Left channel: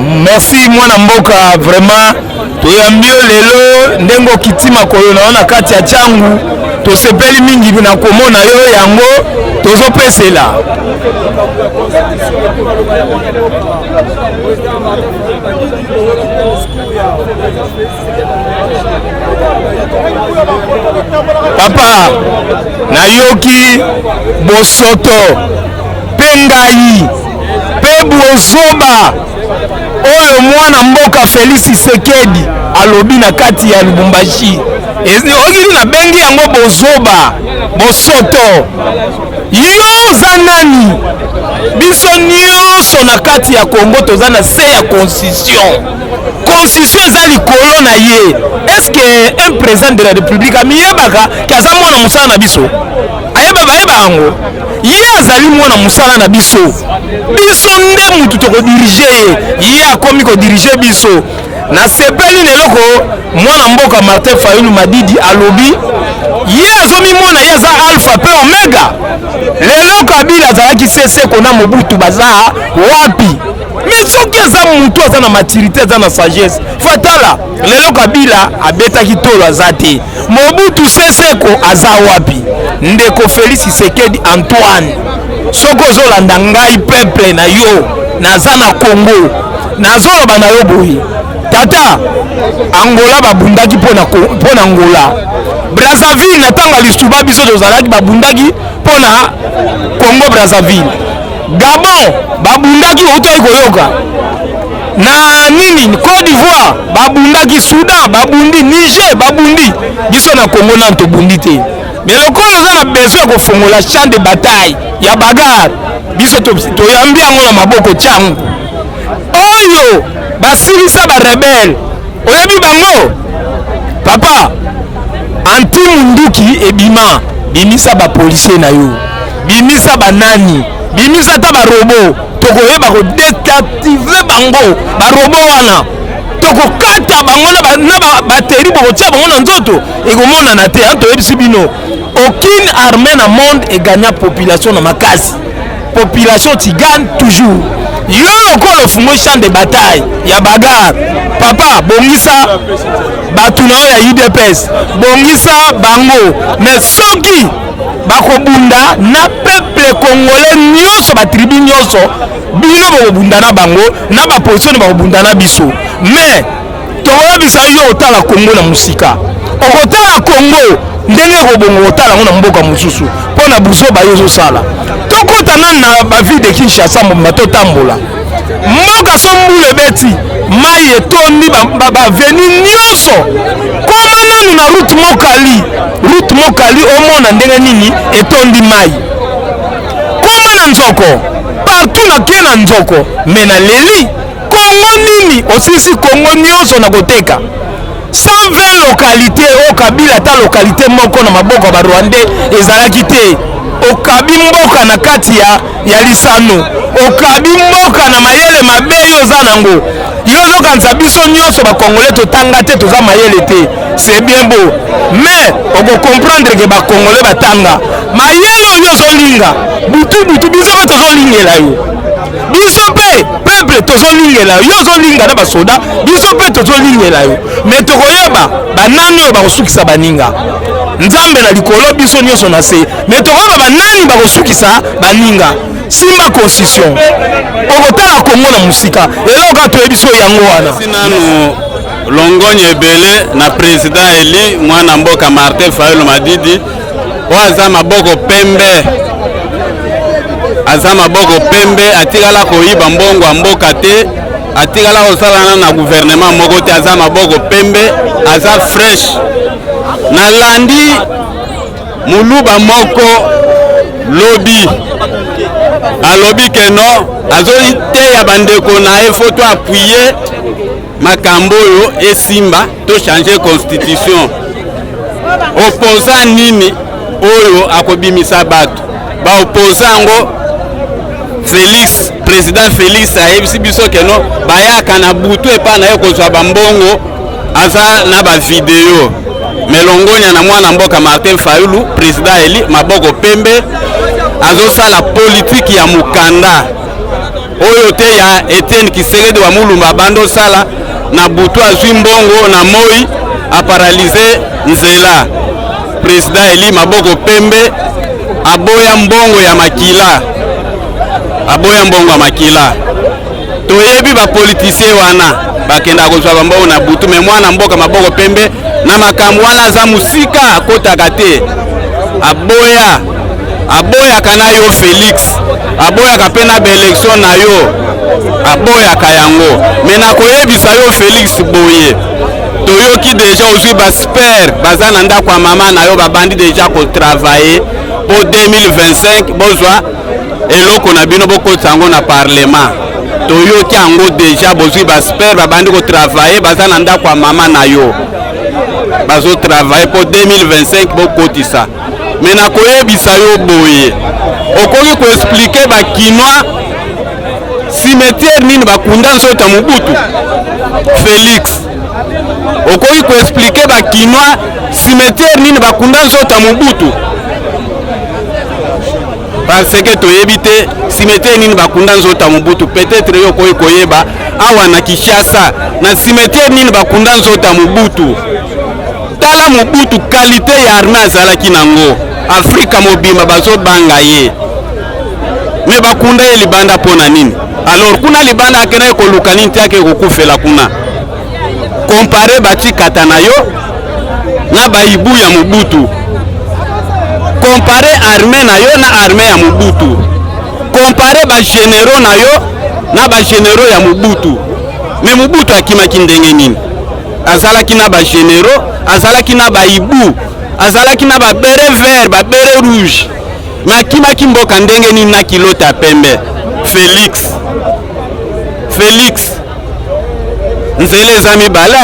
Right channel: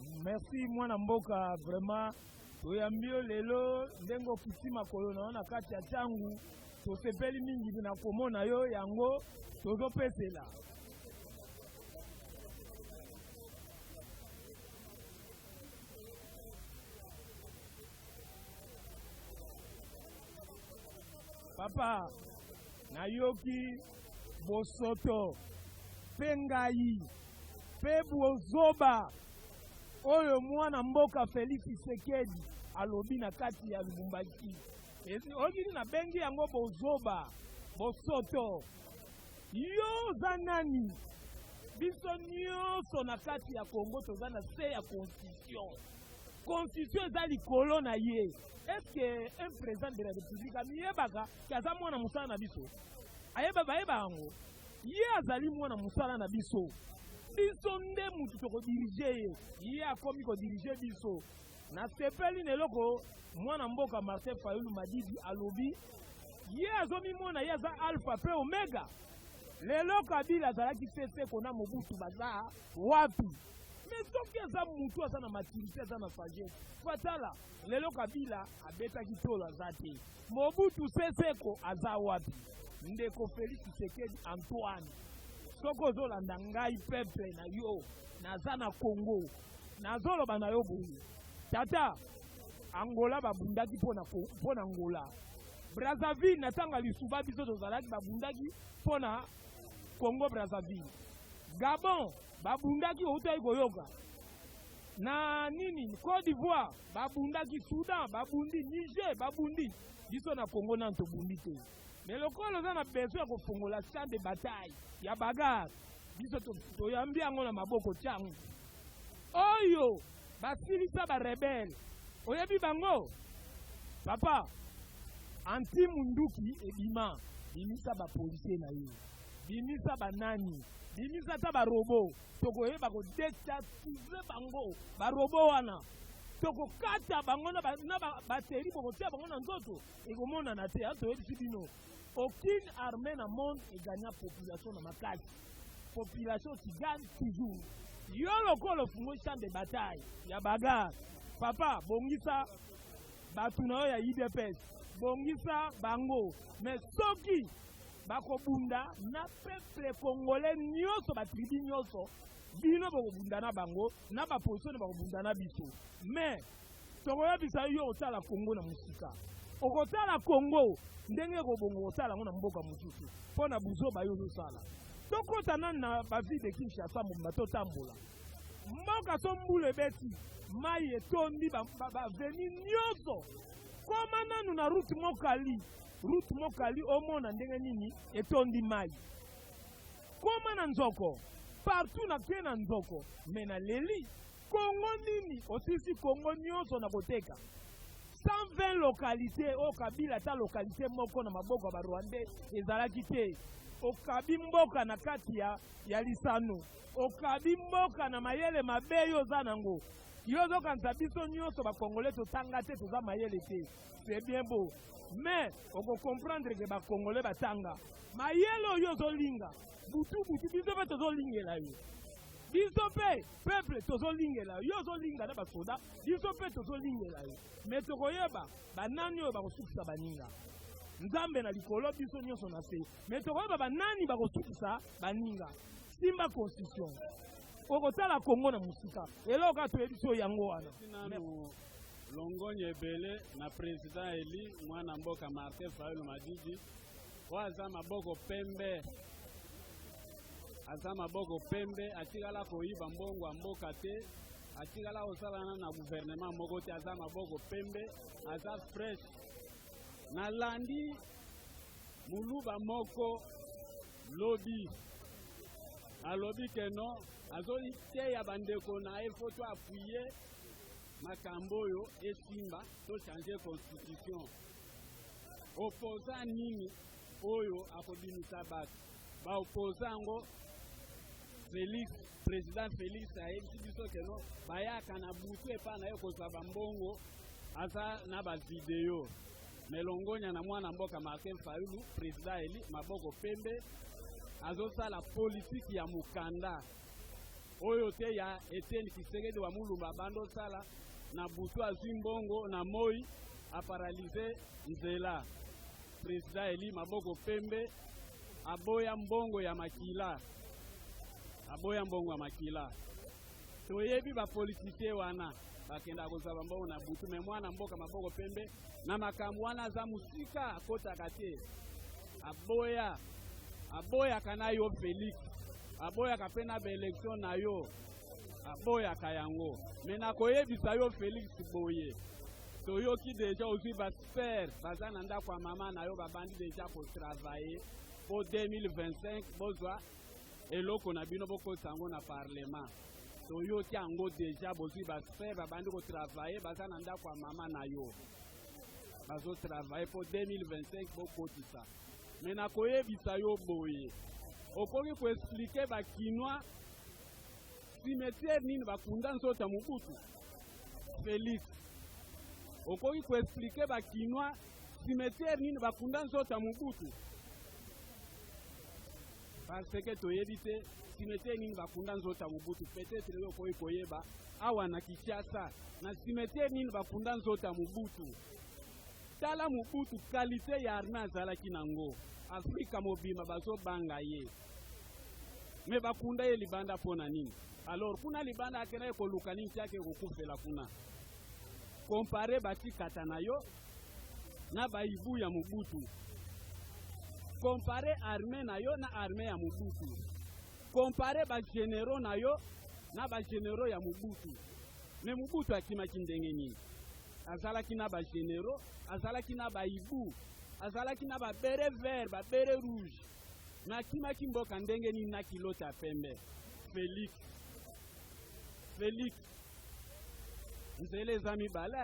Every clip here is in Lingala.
merci mwana mboka vraiment toyambio lelo ndengo kitima koyo naona kati ya changu tosepeli mingi na komona yo yango tozopesela papa nayoki bosoto pengai pe bozoba oyo mwana mboka Félix Tshisekedi alobi na kati ya Lubumbashi ogiri na bengi yango bozoba bosoto yo zanani biso nyonso na kati ya Congo toza na se ya constitution eza likolo na ye. Est-ce que un président de la République amiyebaka kaza mwana musala na biso ayeba yango ye azali mwana musala na biso nde mutu tokodirige ye akomi kodirige biso na sepeli neloko mwana mboka Martin Fayulu Madidi alobi ye azomi mwana ye aza alpha pe omega lelo Kabila azalaki sese kona Mobutu baza wapi mais soki aza mutu aza na maturité aza na sagesse fatala lelo Kabila abetaki tolo aza te Mobutu seseko aza wapi ndeko Félix Tshisekedi Antoine soko zolanda ngai peuple na yo naza na Congo nazoloba na yo boyi tata Angola babundaki pona Angola Brazzaville natanga lisuba biso tozalaki babundaki pona Congo Brazzaville Gabon babundaki otoyi koyoka na nini Côte d'Ivoire babundaki Soudan babundi Niger babundi biso na Congo na tobundi te mais le colo za na besoin ko fongola champ de bataille ya bagarre biso toyambi yango na maboko changu oyo basilisa ba rebelle oyebi bango papa anti munduki ebima bimisa ba policier na yo bimisa banani bimisa ta ba robot tokoyeba ko déactiver bango ba robot wana tokokata bango na bateri bokotia bango na nzoto ekomona na te toyebisi bino aucune armée na monde et gagne population na makasi population ti gagne toujours yo lokolo fungo champ de bataille ya bagarre papa bongisa batuna ya UDPS bongisa bango mais soki bakobunda na peuple congolais nyonso ba tribu nyonso bino bakobunda na bango na ba position bakobunda na biso mais toyebisa yo otala Congo na musika okotala Congo ndenge kobongo otala ngona mboka mususu pona buzoba yozo sala tokota na ba ville de Kinshasa mbomba totambola mboka sombule beti mai etondi ba veni nyonso koma nanu na route mokali omona ndenge nini etondi mai koma na nzoko partout na kena nzoko mena leli Congo nini osisi Congo nyonso na koteka 120 localités au Kabila ta localité moko na maboko ba Rwandais ezalaki te okabi mboka na kati ya lisano okabi mboka na mayele mabe yo za nango yo zokanza biso nyonso ba Congolais totanga te toza mayele te c'est bien beau mais oko comprendre que ba Congolais batanga mayele yo zolinga butu biso ba tozolingela yo biso pe peuple tozolingela yo zolinga na basoda biso pe tozolingela yo mais tokoyeba banani yo bakosukisa baninga nzambe na likolo biso nyonso na se mais tokoyeba banani bakosukisa baninga simba constitution okotala Congo na musika eloka toyebiso yango wana sinanu longonye ebele na président eli mwana mboka Martin Fayulu Madidi waza maboko pembe aza maboko pembe atikala koyiba mbongo ya mboka te atikala kosalana na gouvernement moko te aza maboko pembe aza fresh na landi muluba moko lobi alobi keno azoli te ya bandeko na ye faut appuyer makambo oyo esimba to changer constitution opposant nini oyo akobimisa bato ba opposant ngo Félix président Félix ayebisi biso keno bayaka na butu epa na ye kozwa bambongo aza na ba video melongonya na mwana mboka Martin Fayulu président eli maboko pembe azosala politique ya mukanda oyo te ya Etienne Tshisekedi wa Mulumba bando sala na butu azwi mbongo na moi a paraliser nzela. Président Eli maboko pembe aboya mbongo ya makila. Aboya mbongo ya makila. Toyebi ba politicien wana bakenda kozwa mbongo na butu me mwana mboka maboko pembe na makambo wana za musika akotaka te. Aboya kana yo Félix. Aboya kapena ba election na yo. Aboya kayango. Mena koyebisa yo Félix boye. Toyoki déjà ozwi ba sper bazana nda kwa mama na yo babandi déjà ko travailler pour 2025 bozwa eloko na bino boko tango na parlement. Toyoki ango déjà bozwi ba sper babandi ko travailler bazana nda kwa mama na yo. Bazo travailler pour 2025 boko tisa. Mena koyebisa yo boye. Okoki ko expliquer ba kinwa cimetière nini bakunda nzota Mobutu. Félix okoki ko expliquer ba kinwa cimetière nini bakunda nzota Mobutu. Parce que toyebi te cimetière nini bakunda nzota Mobutu peut-être yo koyi koyeba awa na Kinshasa na cimetière nini bakunda nzota Mobutu. Tala Mobutu qualité ya armée azalaki nango Afrika mobimba bazo banga ye me bakunda ye libanda pona nini. Alors kuna libanda akena ko lukani ntiake kokufela kuna compare bati katana yo na baibu ya Mobutu. Compare armée na yo na armée ya Mobutu. Compare ba généraux na yo na ba généraux ya Mobutu. Me Mobutu akimaki ndenge nini? Azalaki na ba généraux, azalaki na baibu, azalaki na ba beret vert, ba beret rouge. Ma akimaki mboka ndenge nini na kilota pembe. Félix nzele zami bala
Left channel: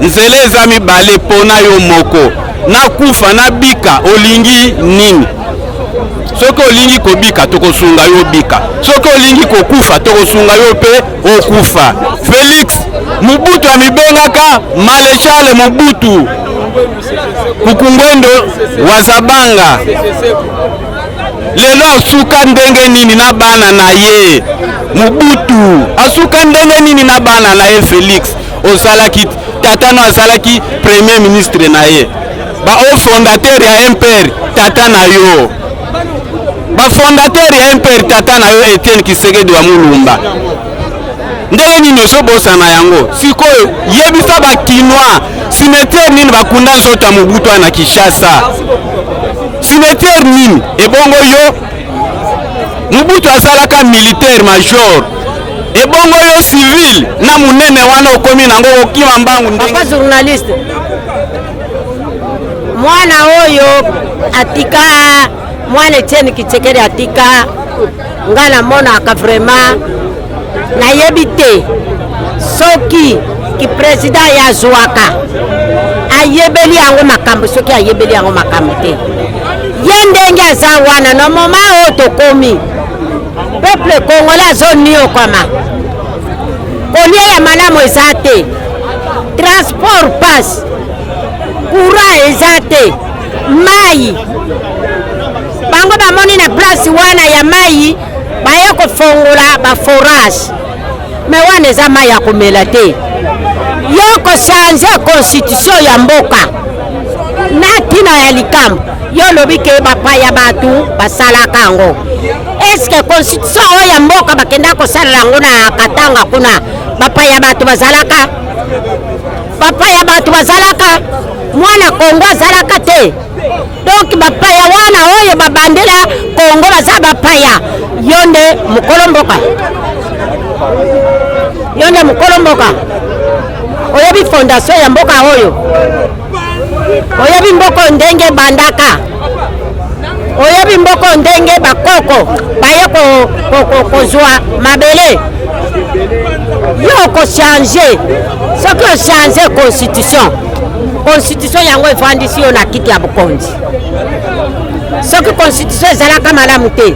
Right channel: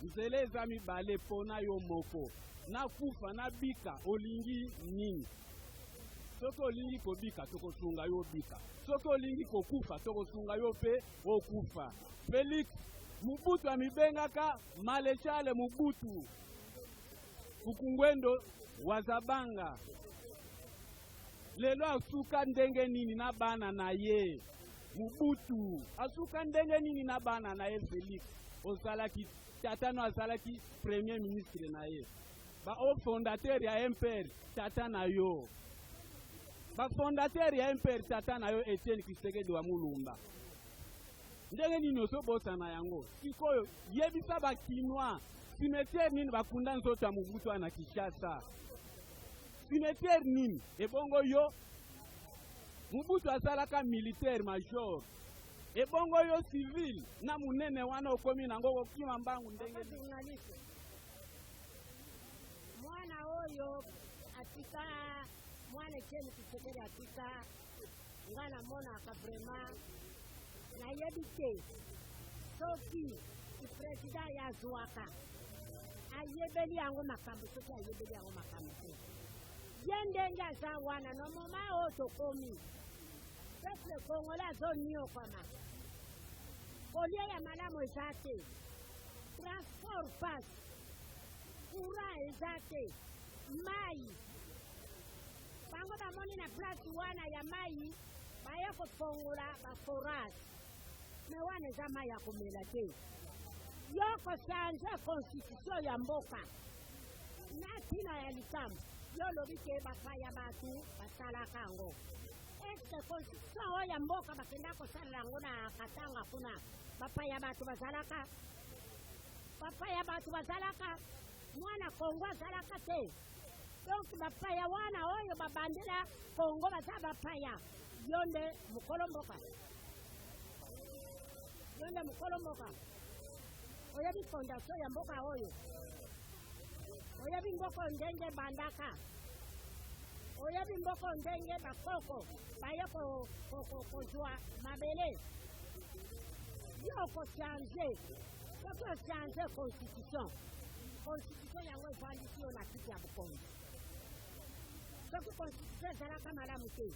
nzele zami bale pona yo moko na kufa na bika olingi nini. Soko olingi ko bika toko sunga yo bika, soko olingi ko kufa toko sunga yo pe okufa. Félix Mobutu amibengaka Maréchal Mobutu Kukungwendo wazabanga lelo asuka ndenge nini na bana na ye. Mobutu asuka ndenge nini na bana na ye. Félix osalaki tatano azalaki premier ministre na ye. Ba o fondateur ya MPR tata na yo. Ba fondateur ya MPR tata na yo Etienne Tshisekedi wa Mulumba. Ndenge nini osobosa na yango sikoyo yebisa ba kinwa cimetière nini bakunda nzota Mobutu na Kinshasa. Cimetière nini ebongo yo Mobutu azalaka militaire major ebongo yo civil na munene wana okomi nango okima mbangu ndenge. Papa journaliste mwana oyo atika mwana Etienne Tshisekedi atika ngana mona aka vraiment na yebite soki ki president ya Zouaka ayebeli yango makambo soki ayebeli yango makambo te yendenge aza wana no moma o tokomi peuple congolais zoni okama kolia ya malamu ezate transport pass courant ezate mai bango bamoni na place wana ya mai baye kofongola ba forage me wana eza mai ya komela te. Yo ko changer constitution ya mboka na tina ya likambo yo lobi ke bapaya batu basalaka yango. Est-ce que constitution ya mboka bakenda kosala yango na Katanga kuna bapaya batu bazalaka? Bapaya batu bazalaka mwana Kongo azalaka te. Donc bapaya wana oyo babandela Kongo baza bapaya yonde mukolomboka. Yonde mukolomboka. Oyebi fondation ya mboka oyo. Oyebi mboko ndenge bandaka. Oyebi mboko ndenge bakoko baye kozwa mabele. Yo ko changer. Ce que changer constitution yango efandisi yo na kiti ya bukonzi. Ce que constitution ezalaka malamu te.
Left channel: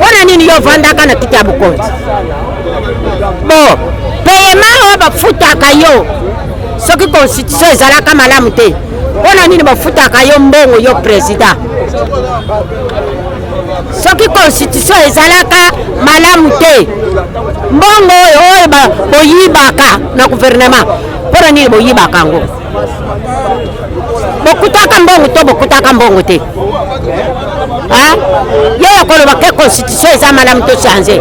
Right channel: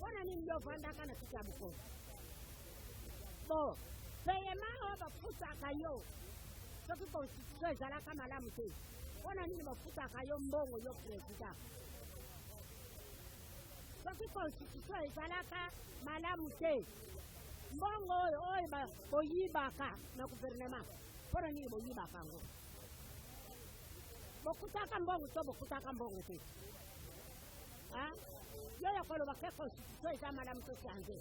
Wana nini yo vandaka na kiti ya bukonzi? Bon, paiement bafutaka yo. Ce que constitution ezalaka malamu te. Wana nini bafutaka yo mbongo yo president. soki constitution ezalaka malamu te mbongo oyo boyibaka na gouvernement mpona nini boyibaka yango bokutaka mbongo to bokutaka mbongo te yeyo koloba ke constitution eza malamu to change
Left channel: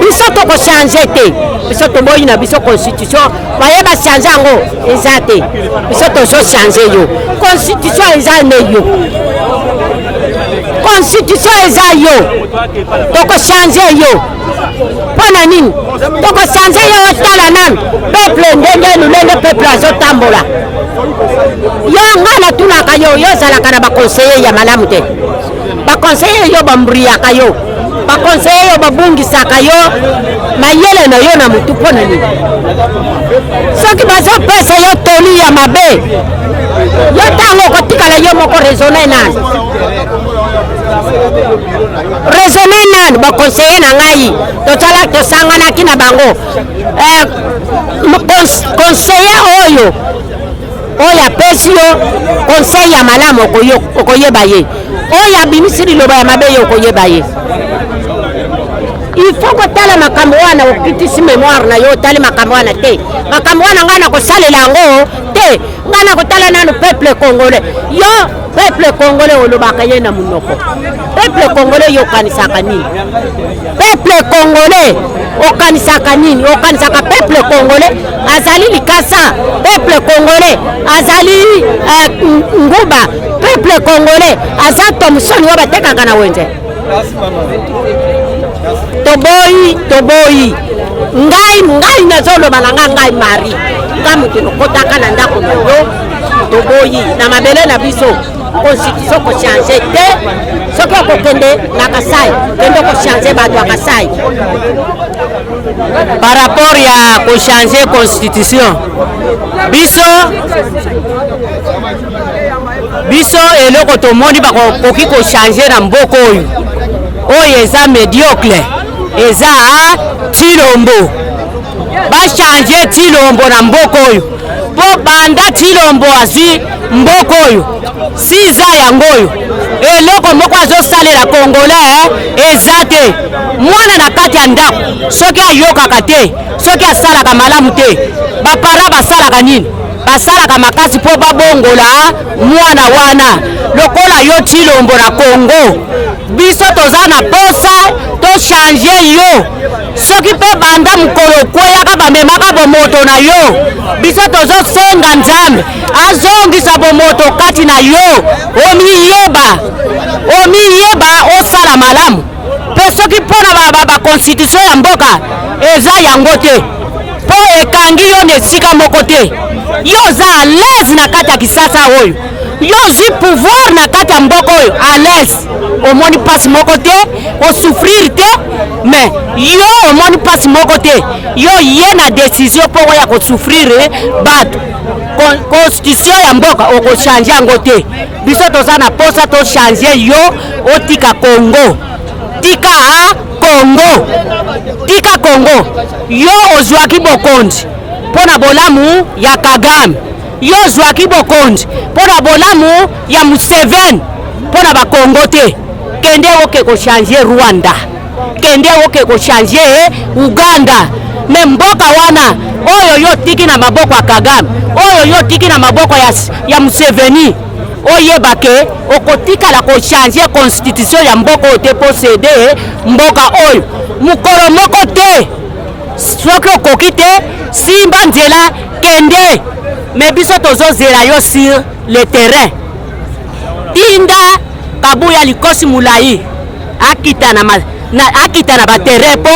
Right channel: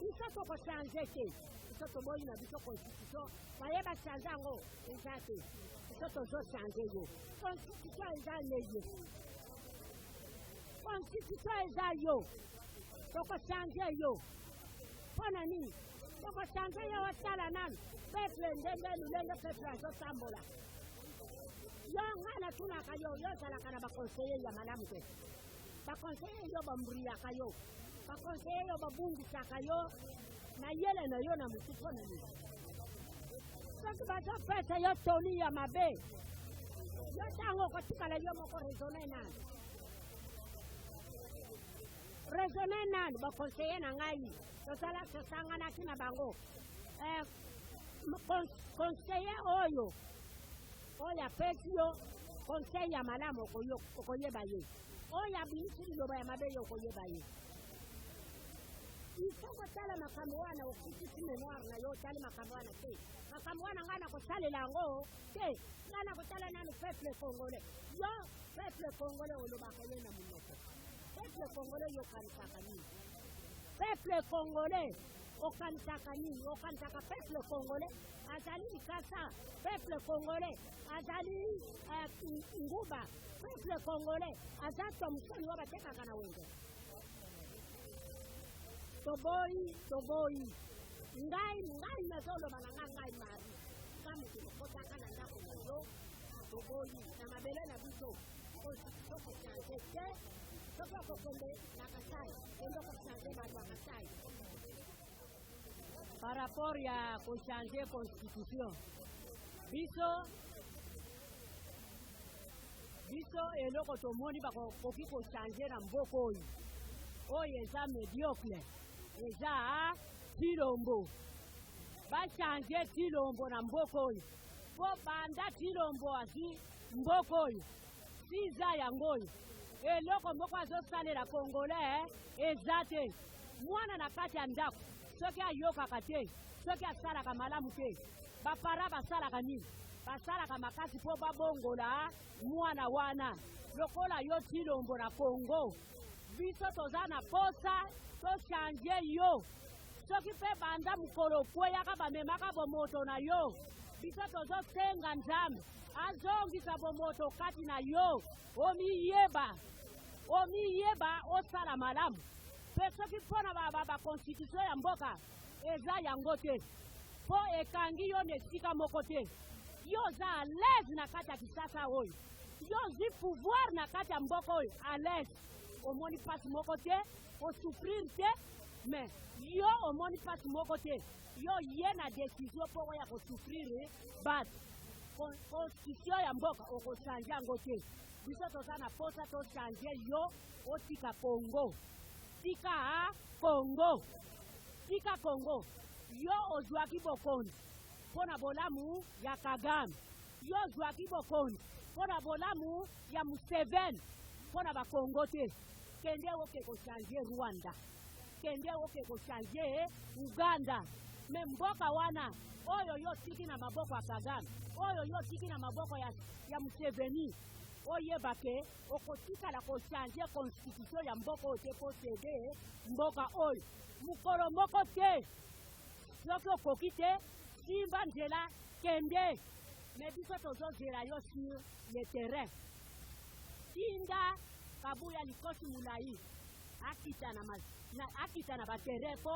biso toko change te biso toboyi na biso constitution bayeba change yango eza te biso tozo change yo constitution eza ne yo constitution eza yo toko change yo mpona nini toko change yo otala nani peuple ndenge lulenge peuple azotambola yo nga natunaka yo ozalaka na baconseiller ya malamu te baconseiller yo bambriyaka yo baconseiller yo babungisaka yo mayele na yo na mutu mpona nini soki bazopesa yo toli ya mabe yo ntango okotikala yo moko raisonne nani baconseiller na ngai tosanganaki na bango conseiller oyo apesi yo conseil ya malamu okoyeba ye oyo abimisi liloba ya mabe yo okoyeba ye il faut kotala makambo wana okitisi mémoire na yo otali makambo wana te makambo wana ngai na kosalela yango te ngai na kotala nanu peuple congolais yo peuple congolais olobaka ye na munoko peuple congolais yo okanisaka nini peuple congolais okanisaka nini okanisaka peuple congolais azali likasa peuple congolais azali nguba peuple congolais aza Thomson oyo batekaka na wenze toboyi ngai nazoloba na ngai mari nga mutu nokotaka na ndako na yo toboyi na mabele na biso constitution kochange te soki okokende na Kasai kende kochange bato ya Kasai par rapport ya kochange constitution biso eloko tomoni bakoki kochange na mboka oyo eza médiocre eza Tshilombo bachange Tshilombo na mboka oyo po banda Tshilombo azwi mboka oyo siza yango oyo eloko moko azosalela congolais eza te mwana na kati ya ndako soki ayokaka te soki asalaka malamu te bapara basalaka nini basalaka makasi po babongola mwana wana lokola yo Tshilombo na Congo biso toza na posa to change yo soki pe banda mukolo kweyaka bamemaka bomoto na yo biso tozosenga Nzambe azongisa bomoto kati na yo omiyeba osala malamu pe soki mpona baconstitution ya mboka eza yango te po ekangi yo na esika moko te yo oza à l'aise na kati ya Kisasa oyo yo ozwi pouvoir na kati ya mboka oyo à l'aise omoni pasi moko te osouffrir te mais yo omoni pasi moko te yo ye na décision mpo ya kosouffrir bato constitution ya mboka okochange yango te biso toza na posa tochange yo otika Congo tika Congo yo ozwaki bokonzi mpona bolamu ya Kagame yo ozwaki bokonzi mpona bolamu ya Museveni mpona bakongo te kende oke kochange Rwanda kende oke kochange Uganda me mboka wana oyo yo tiki na maboko ya Kagame oyo yo tiki na maboko ya Museveni oyebake okotikala kochange constitution ya mboka oyo te posede mboka oyo mukolo moko te soki okoki te simba nzela kende me biso tozozela yo sur le terrain tinda kabuya likosi mulai akita na baterrain po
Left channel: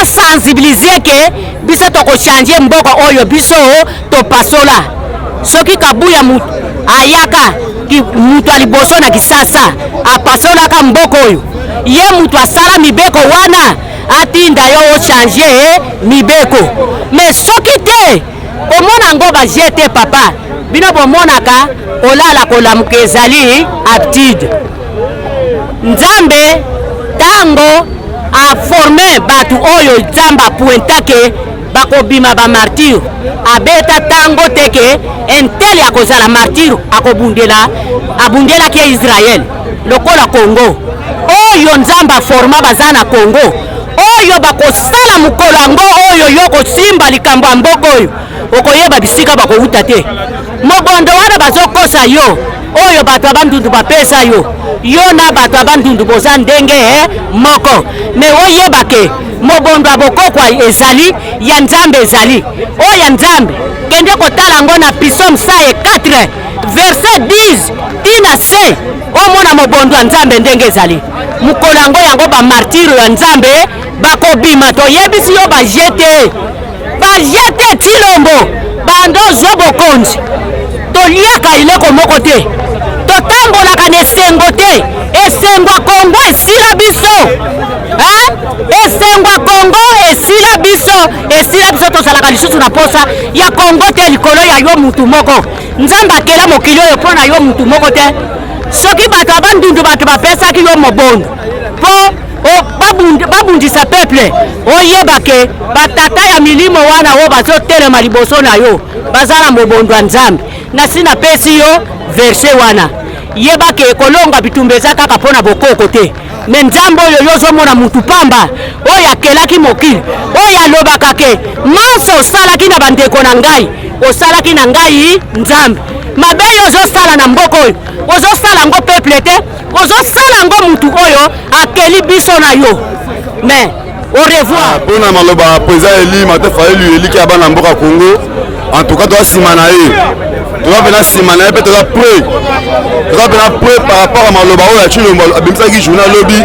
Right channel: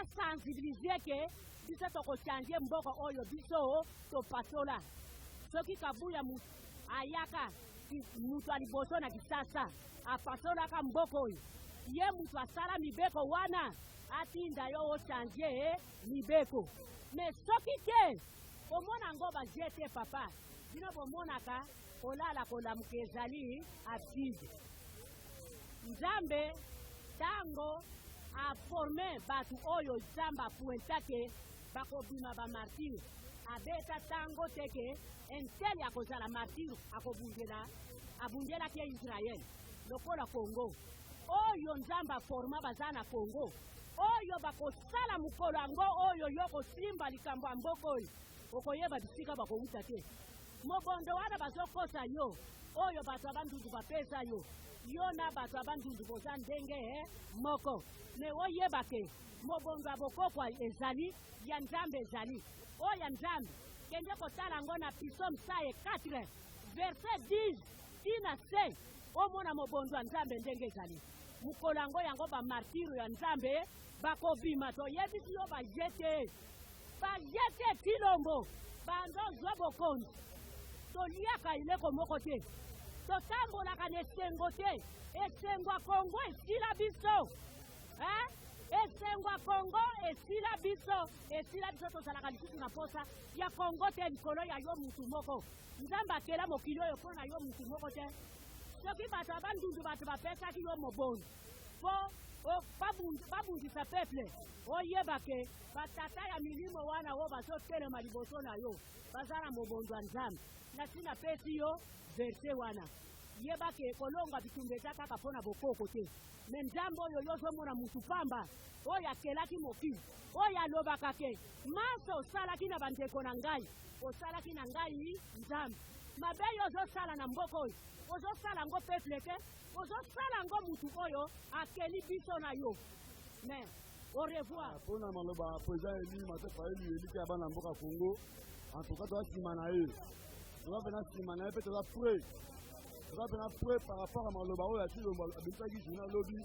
asensibilize ke biso tokochange mboka oyo biso topasola soki kabuya ayaka mutu aliboso na Kisasa apasolaka mboka oyo ye mutu asala mibeko wana atinda yo ochange mibeko me soki te omona ngo bajete papa bino bomonaka olala kolamuka ezali aptitude Nzambe tango aforme batu oyo Nzambe apuentake bakobima ba martyr abeta tango teke entele akozala martyr abundela ke Israel lokola Congo oyo nzambe aforma baza na Congo oyo bakosala mokolo yango oyo yo kosimba likambo ya mboka oyo okoyeba bisika bakowuta te mobondo wana bazokosa yo oyo bato ya bandundu bapesa yo na bato ya bandundu boza ndenge moko me oyebake mobondo ya bokokwa ezali ya nzambe ezali oyo ya nzambe kende kotala yango na Psaume 4 verset 10 tina se omona mobondo ya nzambe ndenge ezali mokolo yango bamartire ya nzambe bakobima toyebisi yo bajete tilombo bando zwa bokonzi toliaka ileko moko te totambolaka na esengo te esengwa Kongo esila biso esengwa Kongo esila biso tosalaka lisusu na posa ya Kongo te likolo ya yo mutu moko nzambe akela mokili oyo mpo na yo mutu moko te soki bato abandundu bato bapesaki yo mobondo mpo babundisa peuple oyebake batata ya milimo wana o bazotelema liboso na yo baza na mobondo ya nzambe nasi napesi yo verse wana yebake ekolonga bitumba eza kaka mpo na bokoko te me nzambe oyo yozomona mutu pamba oyo akelaki mokili oyo alobaka ke manso osalaki na bandeko na ngai osalaki na ngai nzambe mabe oyo ozosala na mboka oyo ozosala yango peuple te ozosala yango mutu oyo akeli biso na yo mais au revoir mpona maloba président Eli Martin Fayulu eliki ya bana mboka Congo en tout cas toza nsima na ye toza mpena nsima na ye mpe toza prêt par rapport à maloba oyo ya Tshilombo abimisaki journal lobi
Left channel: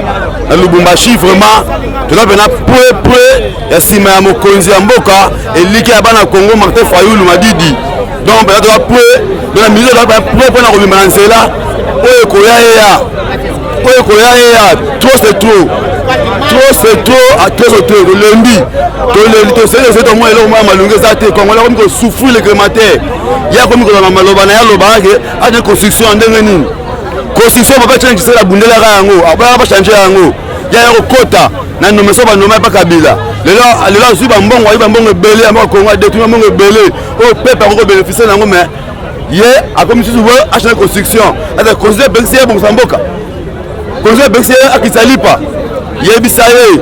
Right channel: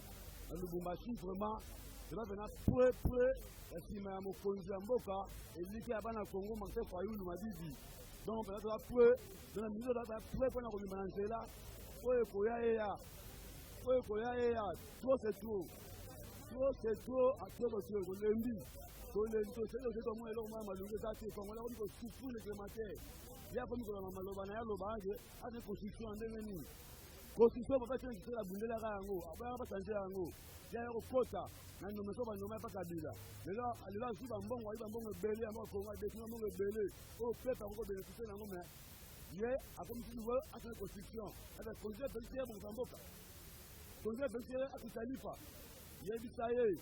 na Lubumbashi vraiment toza mpena prêt ya nsima ya mokonzi ya mboka eliki ya bana Congo Martin Fayulu Madidi donc mpena toza prêt na milieu toza prêt mpona kobima na nzela oyo ekoya yeya trop c'est trop tolembi toseli tomwa eloko mwa malungu eza te kongola komi kosouffrir le crémataire ya komi kozala maloba na ye alobakake ane construction ya ndenge nini construction papa change kisela bundelaka yango abaka bachange yango ya kokota na nomeso banoma epa Kabila lelo azwi bambongo ayi bambongo ebele ya mboka Kongo adetruit bambongo ebele oyo pepe akoko bénéficie nango mais ye akomi susu bo achange construction ata construction ebekisi ye bongisa mboka construction ebekisi ye akisa lipa yebisa ye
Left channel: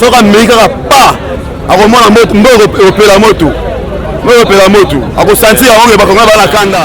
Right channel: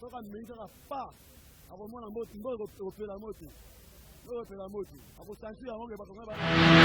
soki amei kaka pa akomona mbo opela moto akosentir yango bakongo bana kanda